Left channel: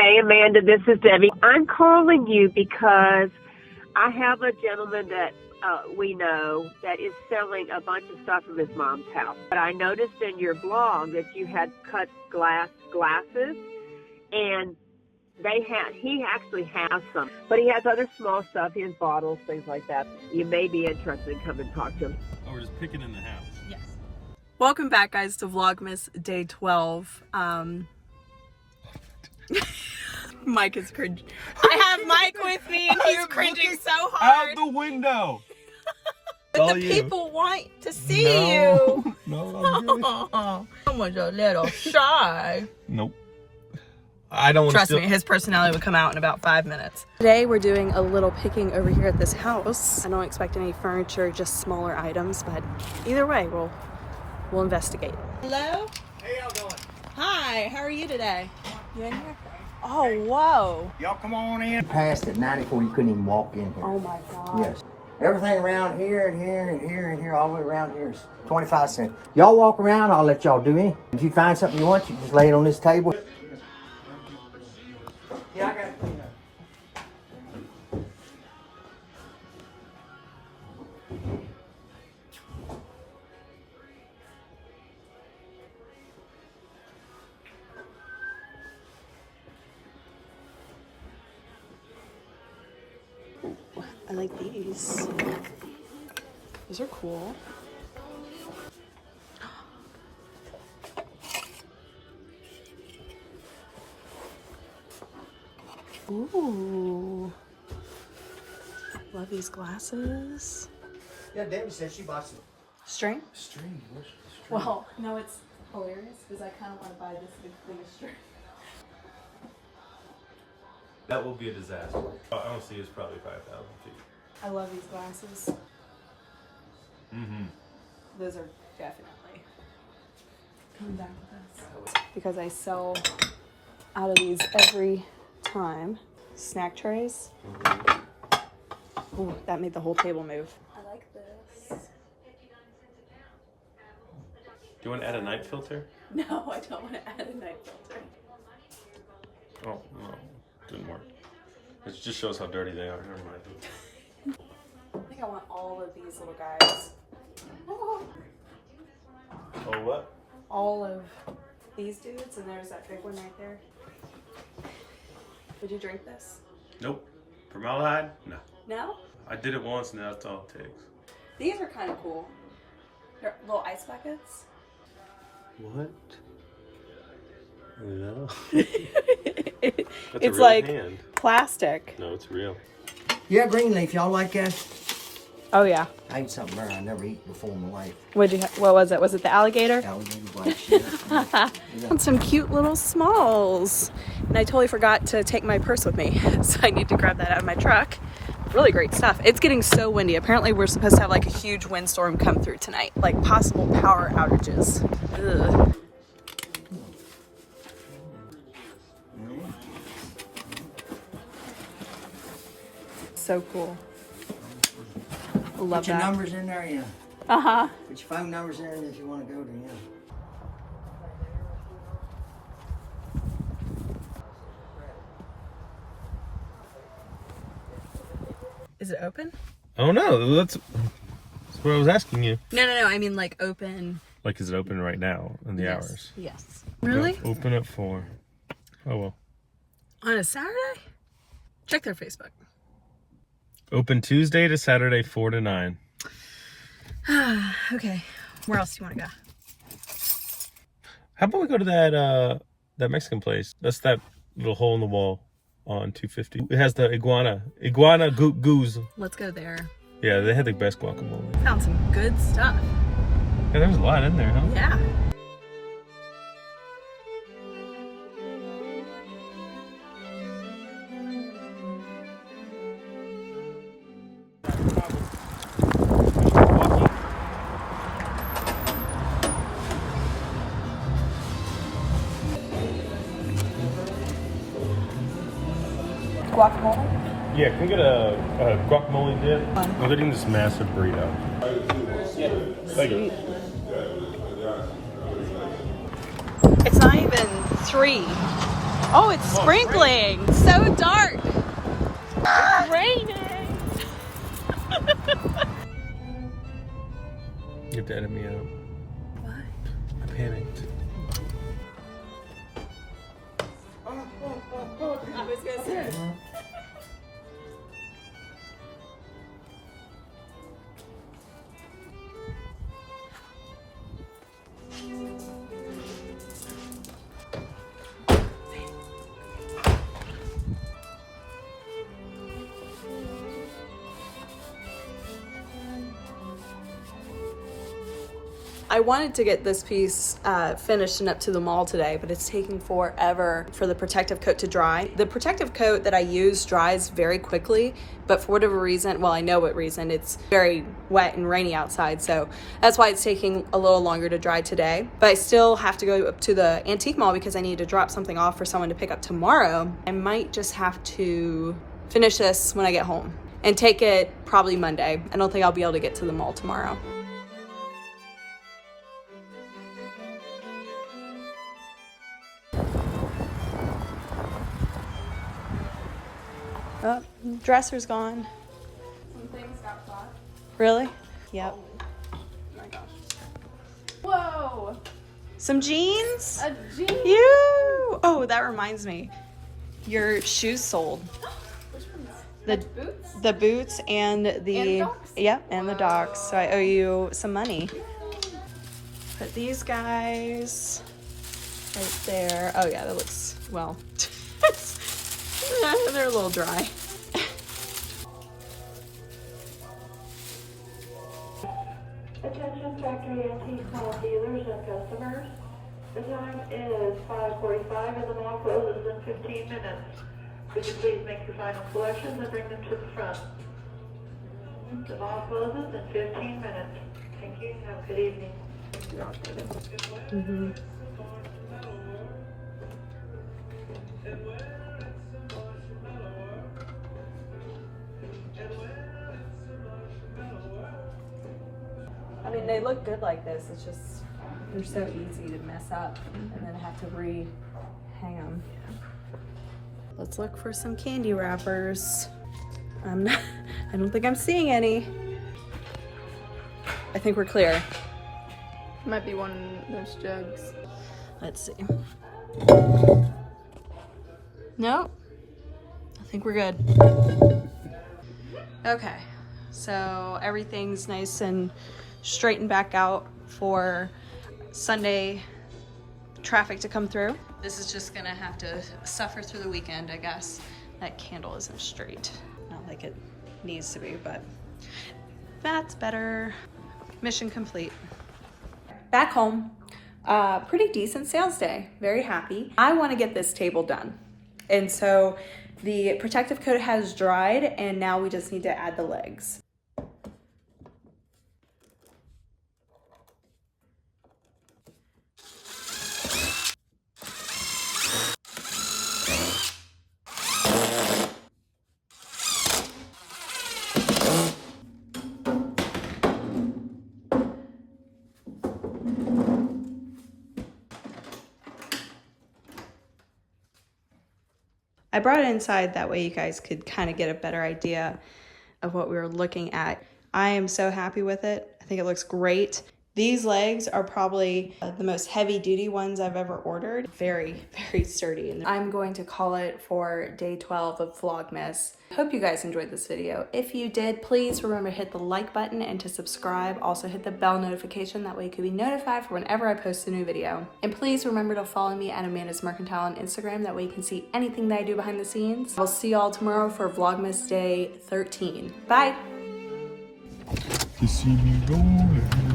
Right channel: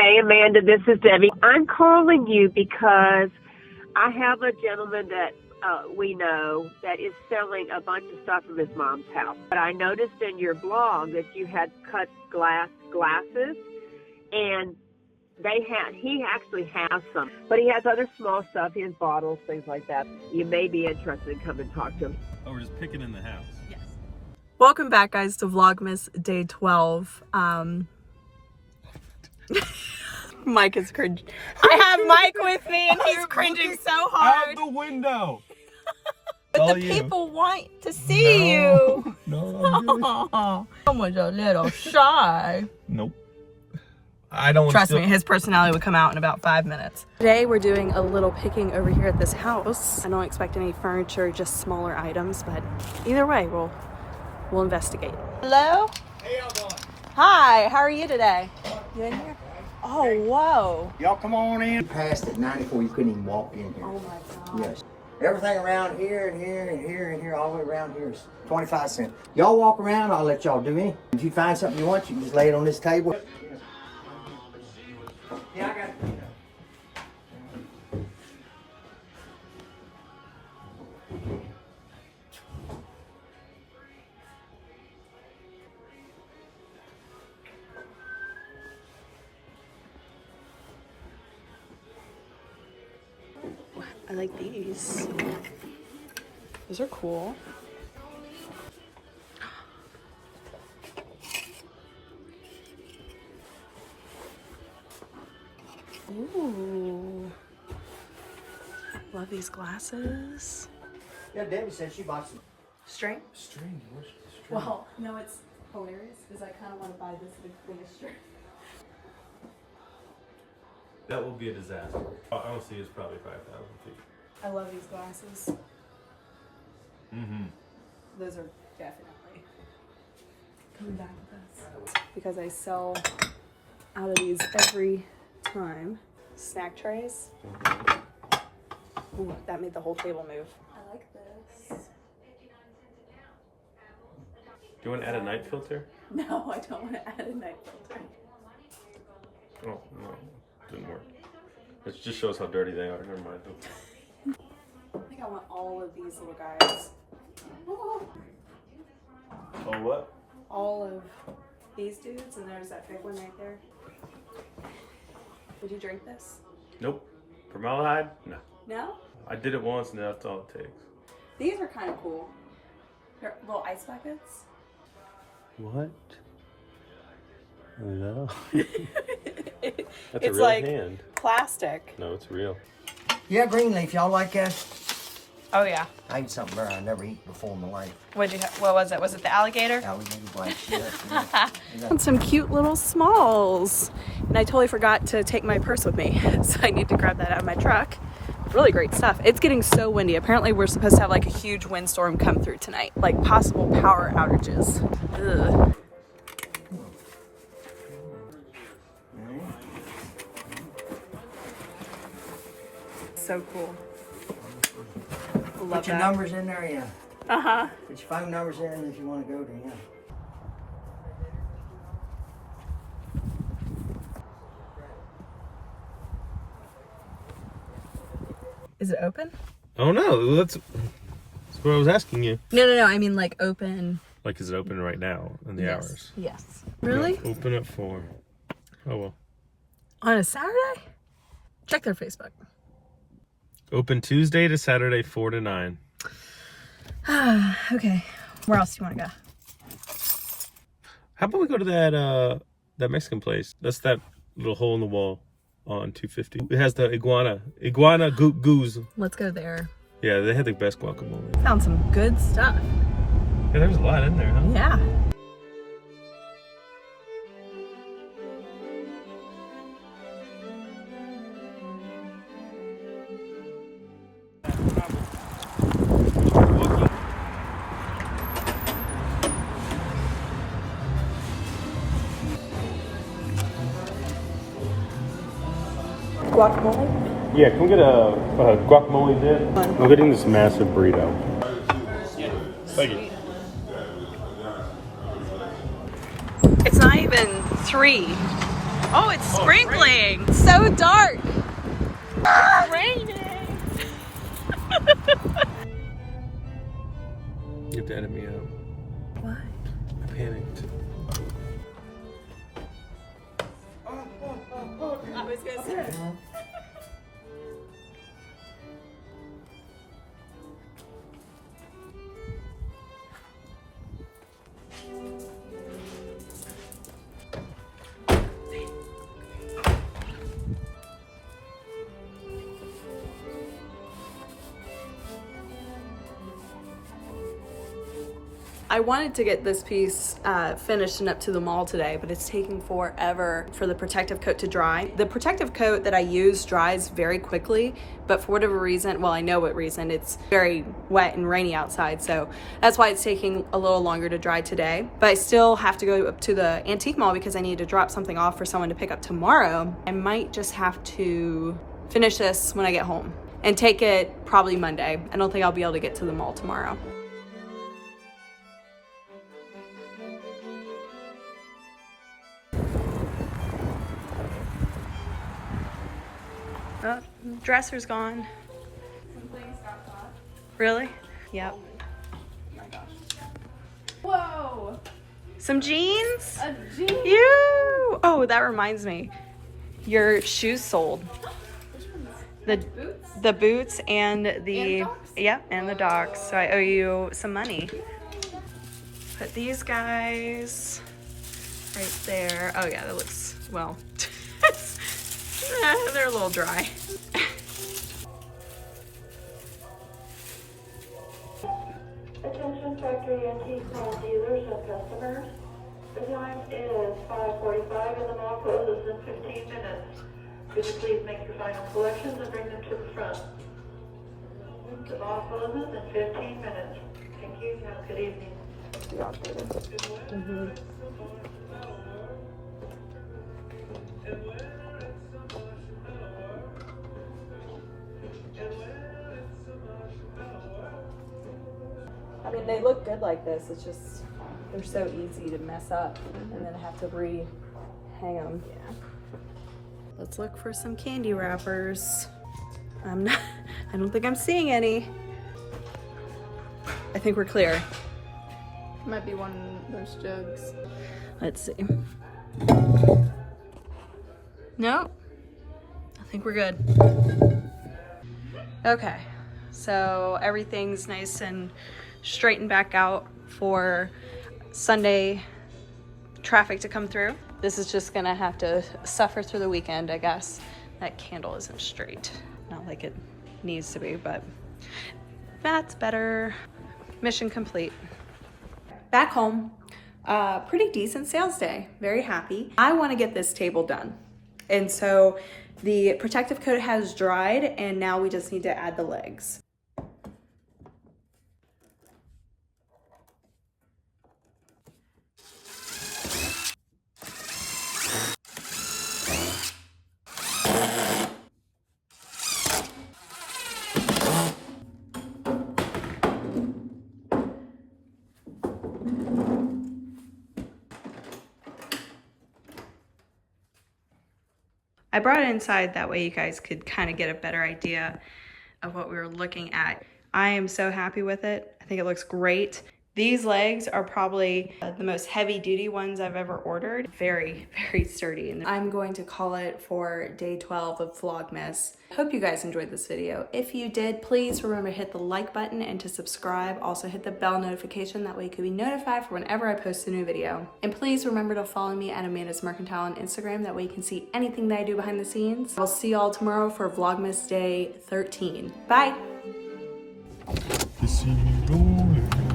Hey, Amanda, this is Debbie. I'm calling you because I have a gentleman that we know that is selling a bunch of stuff from his mom's house. But I noticed in your blog that you had cut glasses, and he actually has some. But he has other small stuff. He has bottles, things like that. You may be interested in coming and talk to him. Oh, we're just picking in the house. Yes. Welcome back, guys, to Vlogmas Day 12. Mike is cringing. I have Mike with me and he's cringing so hard. Out the window. But the people want to see you. No, Someone's a little shy. Nope. I don't Trust me, his personality would come out in about 5 minutes. Today we're doing a little picking over here at this house. I don't expect any furniture, just smaller items, but either way, we'll investigate. Hello? Hey, how you doing? Hi, how are you today? You in here? Oh, whoa. Y'all come on in. Past at 94, you couldn't even walk in here. Oh my God. Yes. Everything around here and here and here and here, all the way around here is 25 cents. Y'all walk around, I'll let y'all do anything. If you find something you want, you just lay it on this table. Yeah, I got it. I like these. Those are cool. Ooh. Love these glasses. Yeah, Debbie said she bought some String? string. Where's the string? Well, no, it's hilarious because I kind of want to buy this big thing of string. That will be a disaster. I don't see it's probably 5,000 feet. I love these glasses. Mm-hmm. Those are definitely coming back with us because I sell out of these every time. Snack trays. Ooh, that made the whole table move. I like this. Do you want to add a night filter? No, I don't want to add a night filter. Oh, no. Didn't work. It just shows how dirty they are. Never mind. I think I want all of these little guys. Oh, what? All of these dudes, and there's that big one right there. Would you drink this? Nope. Formaldehyde? No. No? I did it once and that's all it takes. These are kind of cool. They're little ice buckets. What? No. That's It's a real like hand. plastic. No, it's real. Yeah, green leaf. Y'all like that? Oh yeah. I ate something there I never eaten before in my life. What was it? Was it the alligator? Alligator black. Yeah. And some cute little smalls. And I totally forgot to take my purse with me, so I need to grab that out of my truck. Really great stuff. It's getting so windy. Apparently we're supposed to have like a huge windstorm come through tonight, like possible power outages. Ugh. So cool. Put your numbers in there, yeah. Uh-huh. Put your phone numbers in if you want to go to them. Is it open? Oh no, that's what I was asking you. No. I mean like open. Like, is it open right now in the hours? Yes. Really? Yeah, open at 4. Oh well. On a Saturday? Check their Facebook. Open Tuesday to Saturday, 4 to 9. Okay. Where else do you want to go? How about we go to that Mexican place? That's that little hole in the wall on 250. It has the iguana goose. Let's go there. Yeah, they had the best guacamole. Found some good stuff. Yeah, there's a lot in there, huh? Yeah. Guacamole? Yeah, can we get a guacamole dip? I'm getting this massive burrito. Thank you. It's not even 3. Oh, it's sprinkling. It's so dark. It's raining. You have to edit me out. What? I panicked. I was gonna say. I wanted to get this piece finished and up to the mall today, but it's taking forever for the protective coat to dry. The protective coat that I use dries very quickly, but for whatever reason, well, I know what reason, it's very wet and rainy outside, so that's why it's taking a little longer to dry today. But I still have to go up to the antique mall because I need to drop something off for someone to pick up tomorrow. I might just have to finish this when I get home and take it probably Monday. I don't think I'll be able to get to the mall tomorrow. Oh, dresser's gone. Some things got caught. Really? Yep. Oh my gosh. Whoa! Some jeans? A jean? You! Oh, that reminds me. Your shoes sold. Which ones? The Boots? the boots and the docks? Yep, and the docks. So I owe you some money. Put these guys right there. Oh yeah, that looks well. They're a little dry. Attention factory antique car dealers and customers. The time is 5:45 and the mall closes in 15 minutes. Could you please make your final collections and bring them to the front? The mall closes in 15 minutes. Thank you. Have a good evening. I mean, they look good like this. It's just, they're so easy to mess up and then have to re-hang them. Let's look for some candy wrappers. I don't think I'm seeing any. I think we're clear. Might be one of those jugs. Let's see. Nope. I think we're good. Okay, so everything's nice and straightened back out for Sunday traffic to come through. This is just gonna have to suffer through the weekend, I guess. That candle isn't straight. Not like it needs to be, but that's better. Mission complete. Back home, pretty decent sales day. Very happy. I wanna get this table done. And so the protective coat has dried and now we just need to add the legs. I brought it inside that way you guys could kind of get a better idea of what we were looking at. I am so happy with it. I think it looks great. These legs are probably the most heavy duty ones I've ever ordered. Very, very sturdy. And I'm going to call it for day 12 of Vlogmas. Hope you guys enjoyed this video. If you did, please remember to hit the like button and to subscribe. Also hit the bell notification. That way you can be notified for whenever I post a new video. And please remember to follow me at Amanda's Mercantile on Instagram. That way you can see anything that I do behind the scenes. I'll see y'all tomorrow for Vlogmas day 13. Bye. You see me rolling.